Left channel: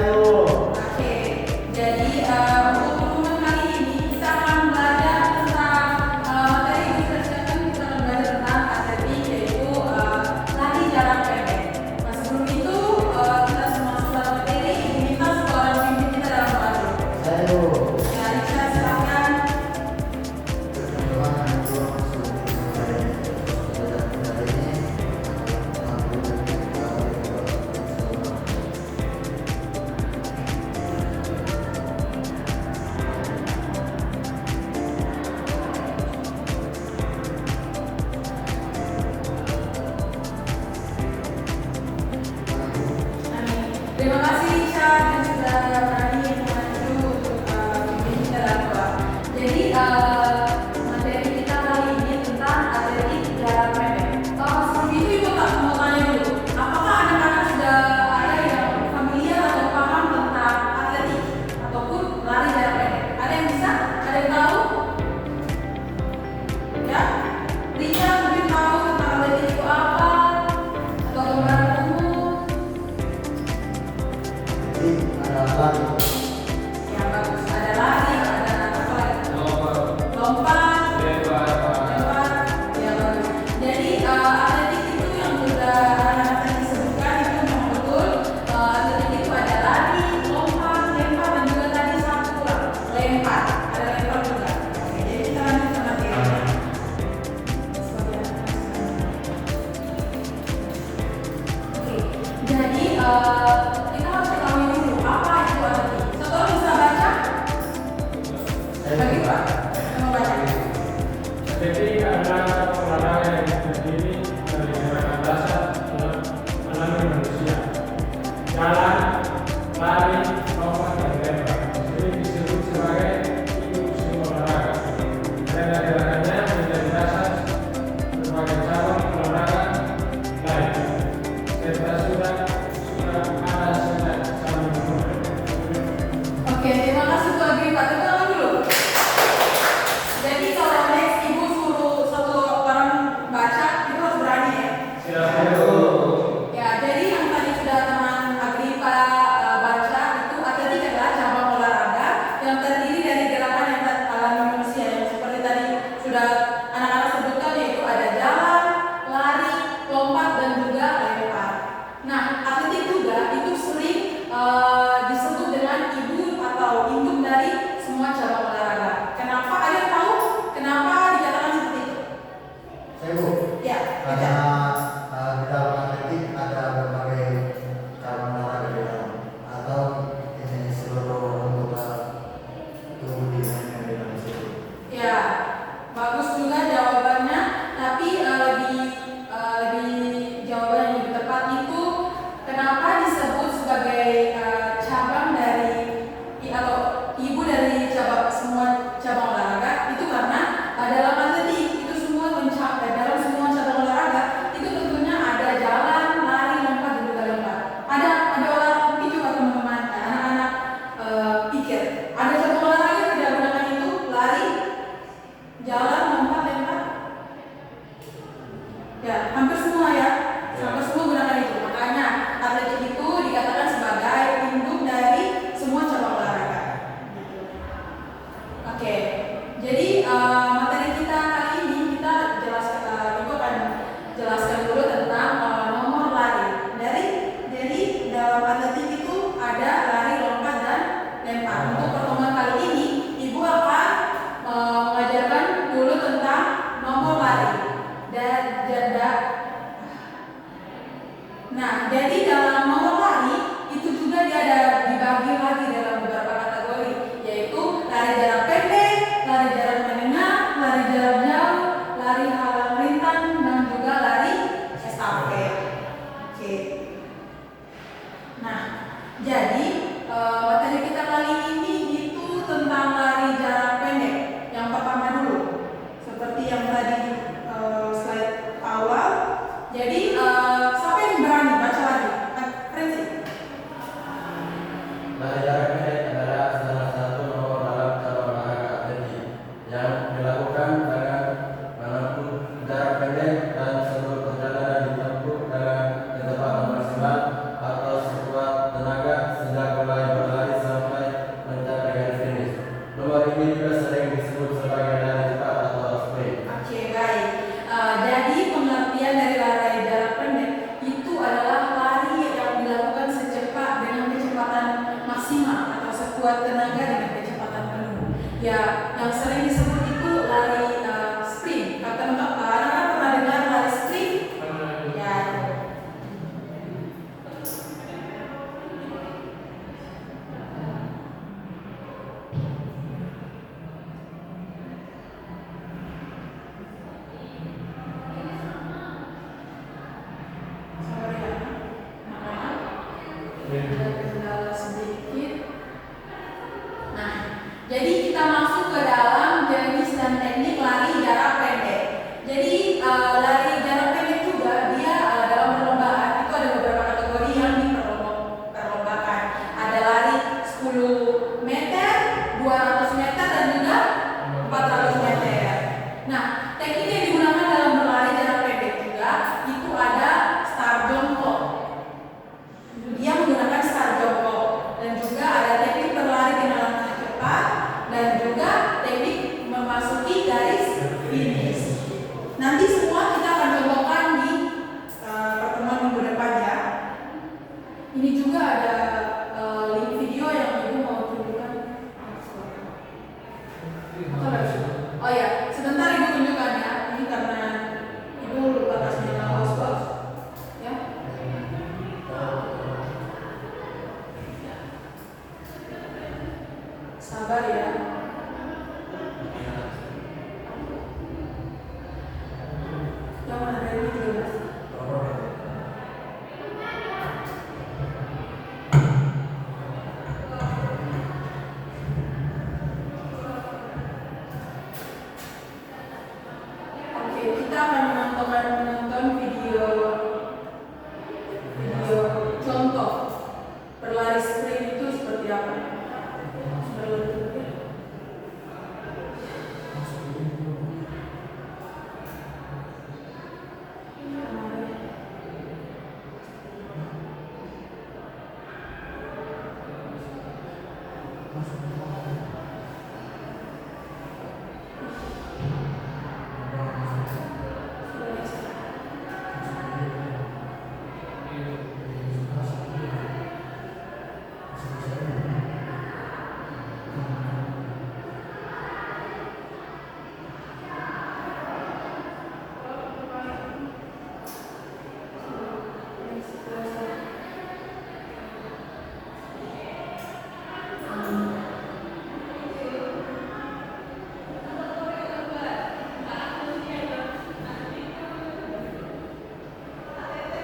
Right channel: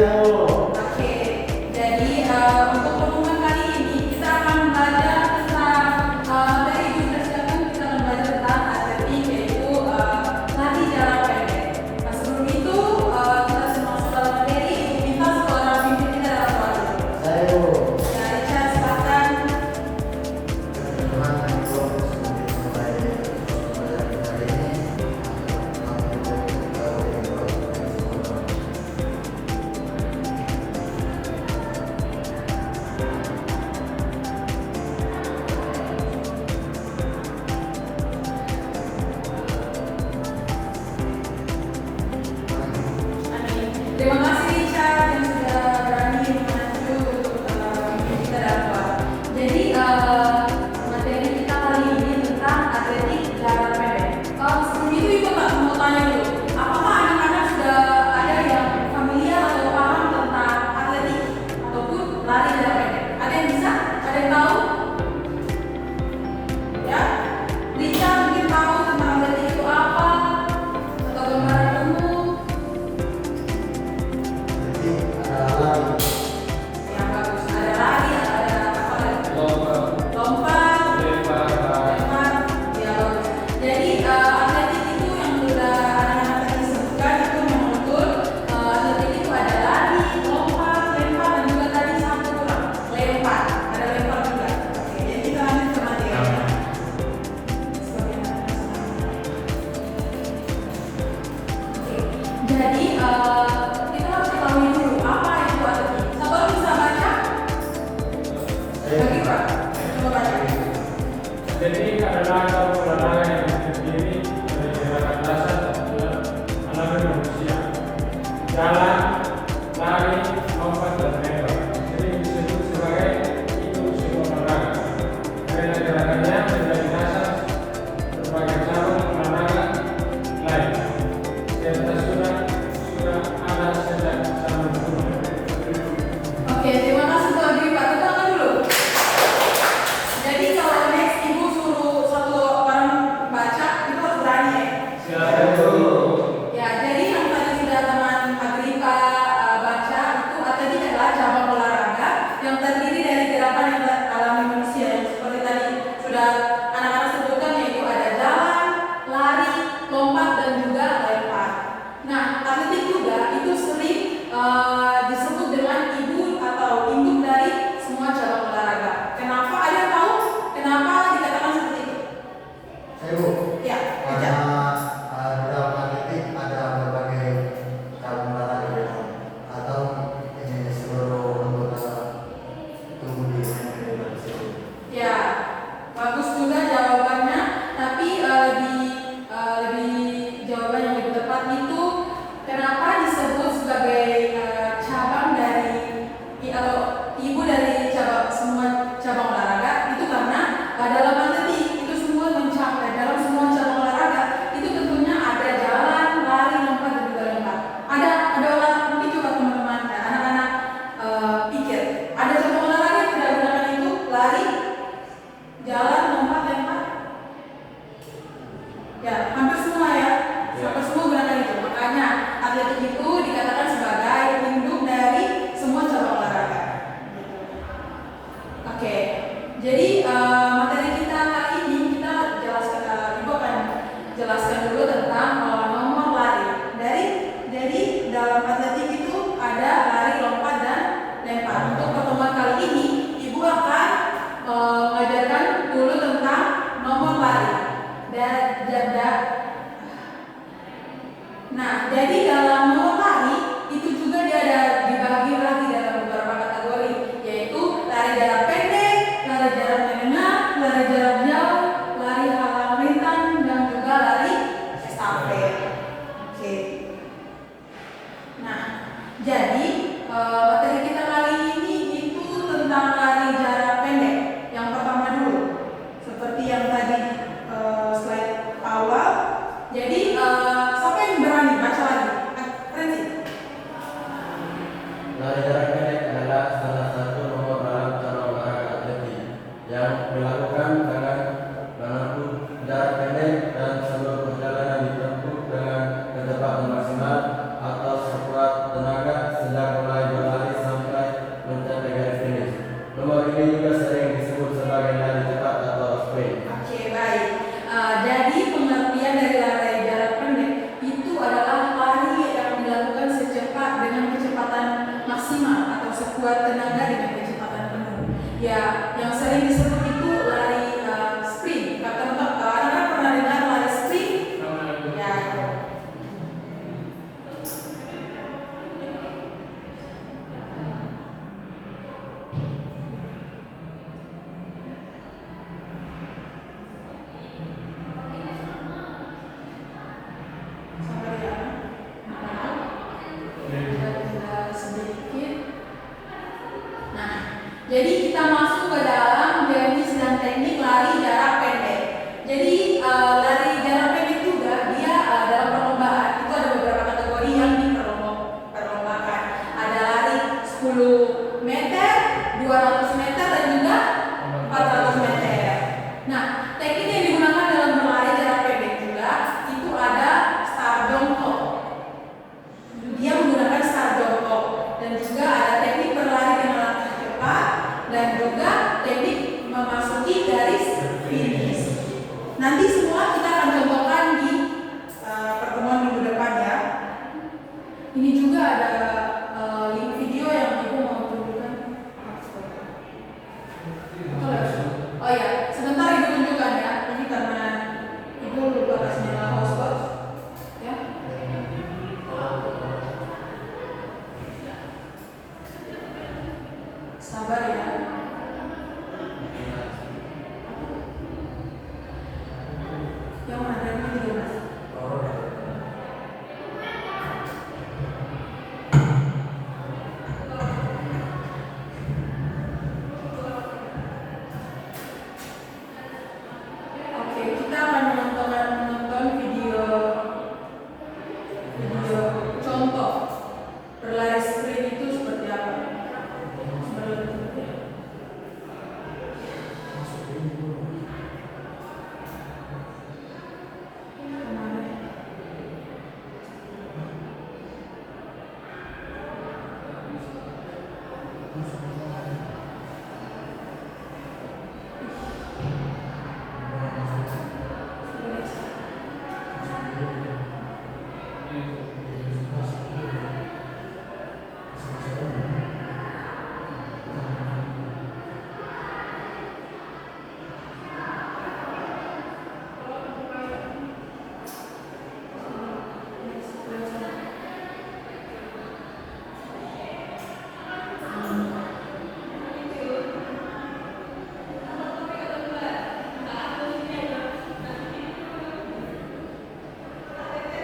Oke, jadi untuk pertemuan kali ini kita akan belajar tentang materi yang kita sedangkan kita akan belajar tentang atletik yaitu lari jarak pendek. Nah sebelum itu kita semua sudah materi minta seorang pimpin kita dalam lari. Ya, Richard silakan. Terima kasih Richard yang sudah berani maju untuk pimpin kita dalam lari. Jadi materi kita kali ini tentang atletik jarak pendek. Sebelum itu ibu tak mau tanya dulu, apakah anak-anak sudah ada yang familiar atau paham tentang atletik ataupun lari jarak pendek? Ada yang bisa? Ada yang tahu? Ya, Richard mungkin tahu tentang atletik itu apa atau gambaran umum? Ya bagus, ada lari, ada apa lagi? Lompat, lempar, ya bagus. Jadi atletik itu yang sudah anak-anak tadi sebutkan itu memang betul. Atletik itu ada lari, lompat, lempar dan juga tadi satu kurang lempar, ada lempar juga. Oke, jadi kita lanjut ke materinya. Seperti apa? Oke, jadi kita harus ketahui dulu apa itu atletik. Satu orang bisa baca? Bagi Pak, coba baca. Atletik adalah satu olahraga yang terdiri dari gerakan dasar alami manusia. Jalan, lari, lompat, dan lempar. Sering disebut sebagai induk olahraga. Karena gerakannya menjadi dasar berbagai cabang olahraga lain. Serta sudah ada sejak zaman dulu. Oke, terima kasih untuk Adi Pak. Tepuk tangan dulu. Jadi kalau next ibu suruh satu orang baca, itu harus berani ya. Ya, jadi yang tadi sudah teman Agripa baca itu atletik adalah cabang olahraga yang terdiri dari gerakan yang alami manusia yang seperti tadi sudah anak-anak sebutkan yaitu ada jalan, lari, lompat dan juga lempar. Nah, atletik juga itu sering disebut dengan ibu atau induk dari semua cabang olahraga. Kenapa? Ada yang tahu kenapa dikatakan seperti itu? Ya, Karena di dalam atletik ada berbagai cabang olahraga atau ini seluruh anggota tubuh di Indonesia. ya, bagus juga jawabannya. Tapi lebih jawaban yang lebih tepat itu kenapa disebut sebagai cabang dari atau ibu dari semua cabang olahraga itu karena dalam atletik itu semua mencapai dalam semua cabang olahraga itu tentunya ada jalan, lari, lompat dan juga lempar. Ada olahraga mungkin coba teman-teman anak-anak pikir ada cabang olahraga yang tidak gunakan itu lari, jalan, lompat, lempar. Ya, hampir semua ya. Hampir semua gunakan itu. Makanya atletik itu dikatakan sebagai induk dari semua cabang olahraga. Oke, jadi materi kita kali ini kita jelaskan, ibu akan jelaskan dulu tentang nomor lari. Dari dalam atletik itu ada lari, lompat dan lempar. Untuk pertemuan kali ini, ibu akan mengajarkan dulu tentang nomor lari. Nah, jadi dalam nomor lari itu juga dia ada dibagi lagi dalam beberapa kategori, yaitu lari jarak pendek, lari jarak menengah, lari jarak jauh, lari halang rintang dan juga lari estafet. Oke. Nah, jadi materi kita kali ini itu tentang lari jarak pendek. Yang pertama dulu, seperti yang tadi slide awal. Jadi siapa yang berani baca lagi? Prinsi. Lari jarak pendek adalah salah satu nomor dalam cabang olahraga atletik yang dilakukan dengan menempuh jarak pendek dan seluruh perjalanan ditempuh dengan kecepatan maksimal atau sekuat tenaga sejak mulai sekuat tenaga dengan kecepatan penuh. Ya, yang sering disebut itu lari sprint. Anak-anak pernah dengar lari sprint? Ya, itu. Sedikit. Nah, jadi kita masuk ke dalam jenis dan teknik lari jarak pendek. Jadi lari jarak pendek juga dia dalam perlombaan itu ada beberapa kategori yang diperlombakan. Ada lari 10 meter, 200 meter dan juga 400 meter. Nah, teknik yang digunakan dalam berlari jarak pendek juga itu ada start jongkok. Dia menggunakan start jongkok dan juga ada teknik berlari dengan langkah cepat dan juga teknik memasuki garis finish. Nanti semua kita akan contohkan di pertemuan minggu depan ya. Ini juga ada link video yang ibu mau tunjukkan. Oh ya, sebentar ibu tunjukkan ya. Ini karena ibu lupa kasih nama hotspot ya. Sabar ya. Yang ada ini juga mas. Oke, kita akan menonton video contoh berlari sprint itu seperti apa.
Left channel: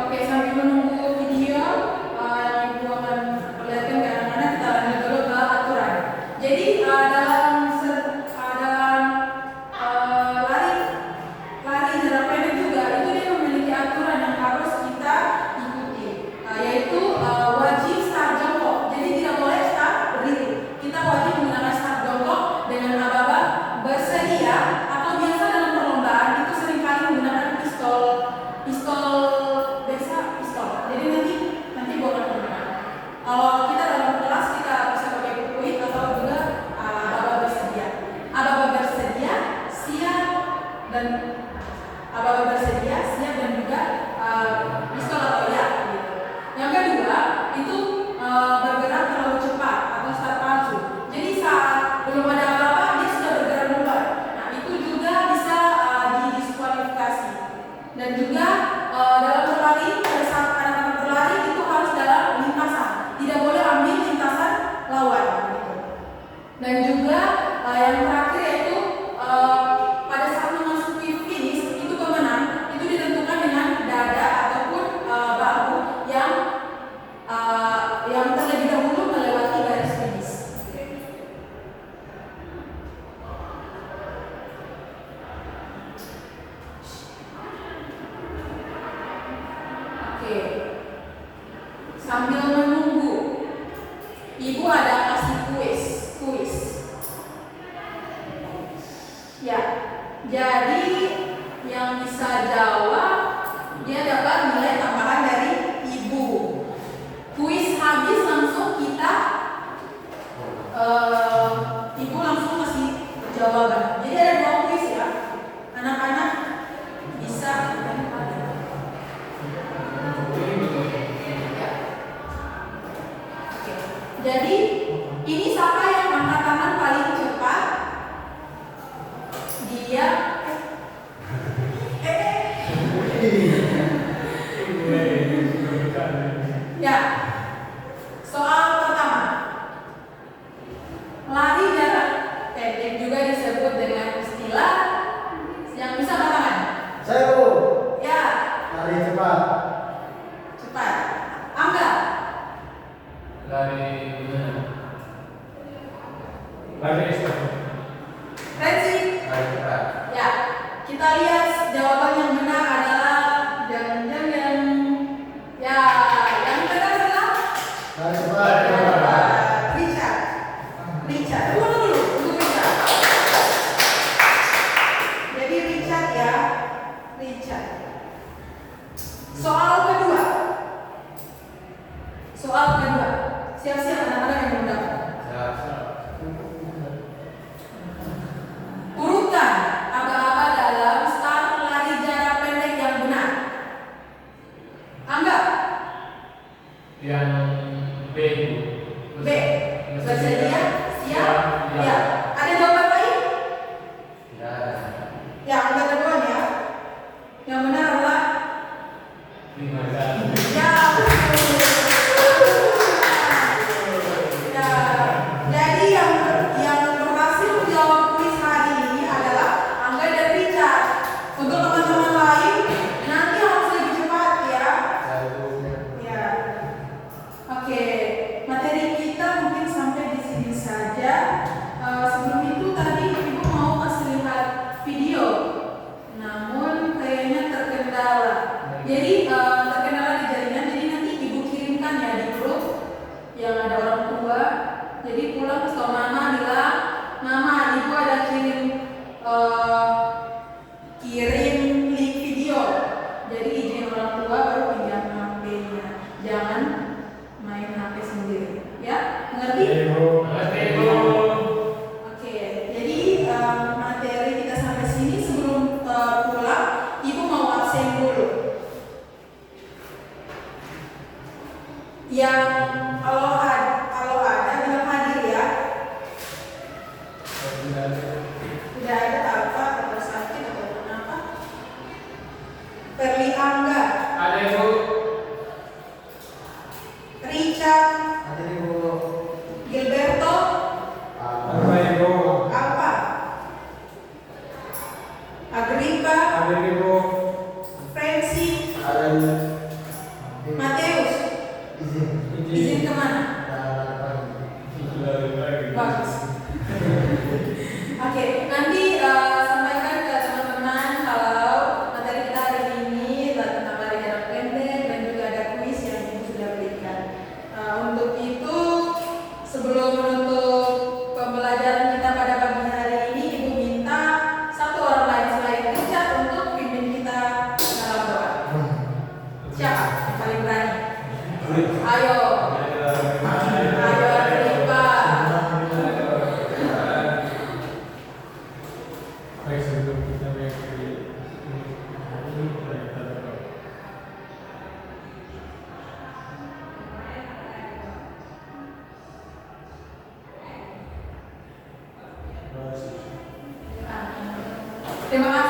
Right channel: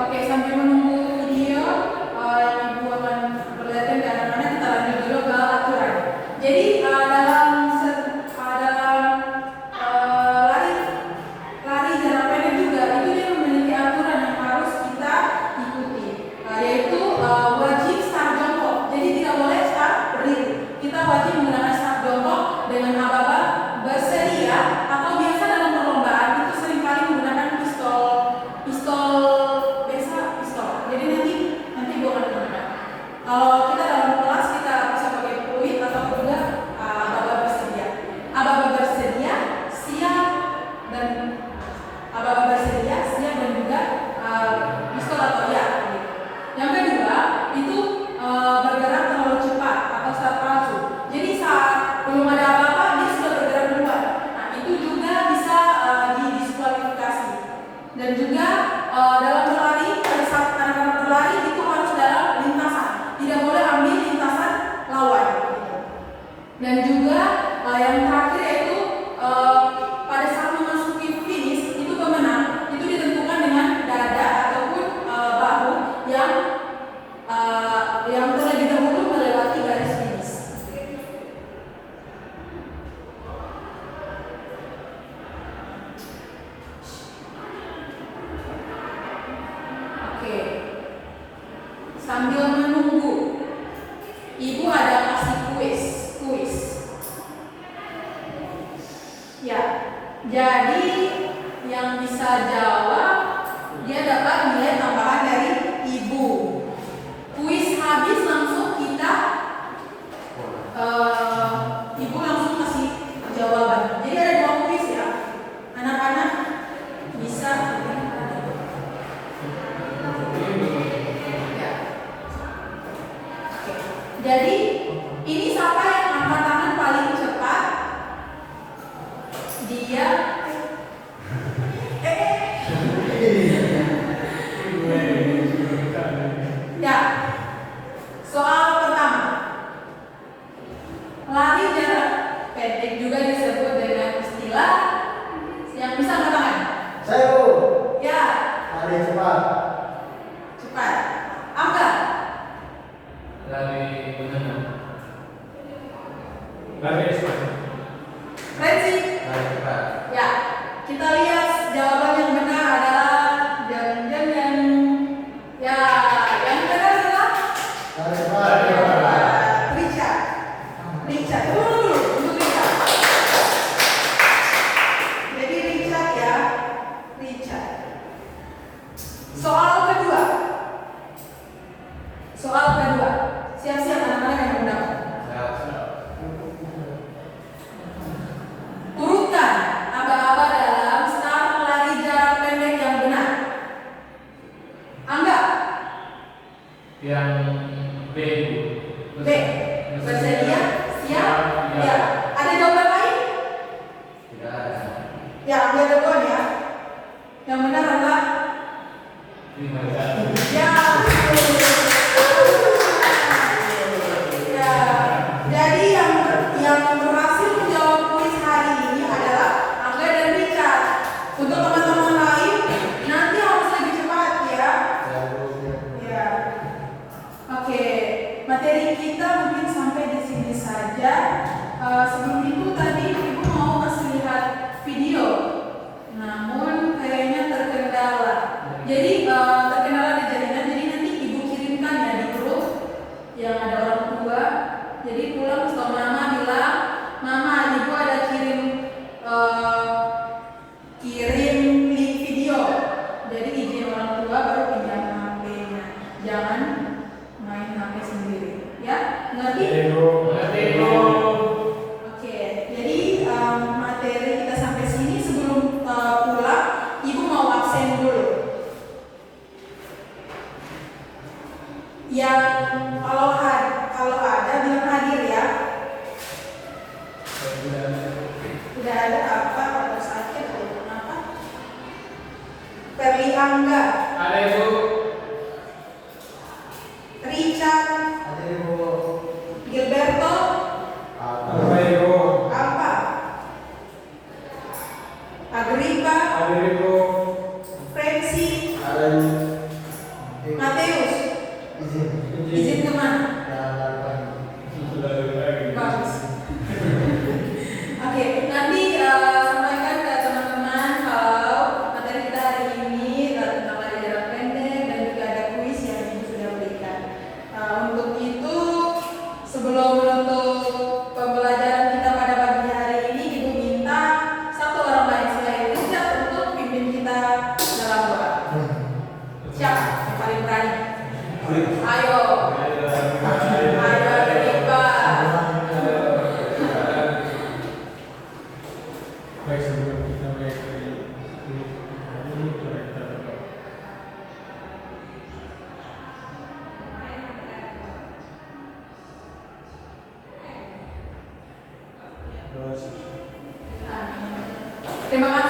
Oke, sambil menunggu video yang ibu akan perlihatkan ke anak-anak, kita lanjut dulu ke aturan. Jadi lari jarak pendek juga itu dia memiliki aturan yang harus kita ikuti, yaitu wajib start jongkok. Jadi tidak boleh start berdiri. Kita wajib menggunakan start jongkok dengan aba-aba bersedia, atau biasa dalam perlombaan itu seringkali menggunakan pistol. Jadi nanti bukan menggunakan. Kalau kita dalam kelas kita bisa pakai fluid atau juga aba-aba bersedia. Aba-aba bersedia siap dan juga pistol atau ya. Gitu. Yang kedua itu bergerak terlalu cepat atau start pacu. Jadi saat belum ada apa-apa dia sudah bergerak duluan. Nah itu juga bisa didiskualifikasi. Dan juga dalam berlari, pada saat anak-anak berlari itu harus dalam lintasan, tidak boleh ambil lintasan lawan. Gitu. Dan juga yang terakhir yaitu pada saat memasuki finish itu pemenang itu ditentukan dengan dada ataupun bahu yang terlebih dahulu melewati garis finish. Oke. Sambil menunggu, ibu ada kasih kuis. Ya, jadi yang bisa jawab dia dapat nilai tambahan dari ibu. Kuis habis langsung kita ibu langsung kasih jawaban. Jadi ada 2 kuis ya. Anak-anak bisa Jadi Ini siapa yang angkat tangan paling cepat? Dia. Ya. Soal pertama. Lari jarak pendek juga disebut dengan istilah yang bisa angkat tangan. Saya Bu. Ya, Lari cepat. cepat. Angkat. Lari gimana? Lari estafet. Renzi. Lari cepat. Ya, kita lihat jawaban yang benar adalah yang ya, yang benar adalah Lari cepat. Richard. Richard. Dulu untuk Richard. Jadi Richard ya, Richard. Soal kedua. Soal kedua. Siap-siap anak-anak yang mendapat. Turutkan aba-aba dalam start lari jarak pendek yang benar. Anggap Yang B. B. Bersedia? Siap? Ya. Ada jawaban lain? Tidak ada. Ya, enggak ada jawaban ya. Yang benar adalah ya. Ya. Jadi yang berhasil menjawab kuis hari ini adalah Angga dan Richard. Untuk teman-teman lain nanti harus lebih cepat ya. Saya Bu. Ya. Oke, materi kita mungkin sampai di sini saja. Sebelum itu tadi Ibu mau kasih lihat video, namun kayaknya terkendala. Jadi terkendala di jaringan. Jadi nanti Ibu kirimkan ya di grup yang ada orang tua. Jadi pulang ke mama bilang, Mama, Ibu ada kirim link video. Jadi izin orang tua baru pinjam HP-nya. Jangan main HP sendiri, ya? Ngerti? Oke. Jadi materi kita sampai sini. Sebelum pulang, Ibu mau absen dulu. Yang kalau ada bilang hadir ya. Udah ada apa atau sakit atau kenapa? Perli Angga, Ada Ibu. Richard, Ada Ibu. Gilberto, Ada Ibu. Alfa, Agripa, Ada Ibu. Franci, Ada Ibu. Mateus. Izin kemana? Bagus. Oke, nanti sampaikan ke teman-teman kalau materi kita hari ini tentang lari jarak pendek dan juga ada kuis yang Ibu sudah berikan. Untuk itu, sebelum menutup pembelajaran kita pada pagi hari ini, Ibu minta satu orang lain selain Richard untuk pimpin kita dalam doa. Siapa yang paling berani? Ayo. Ayo, Agripa. Baik, sebelum kita mengakhiri hari ini, kita berdoa. Terima kasih.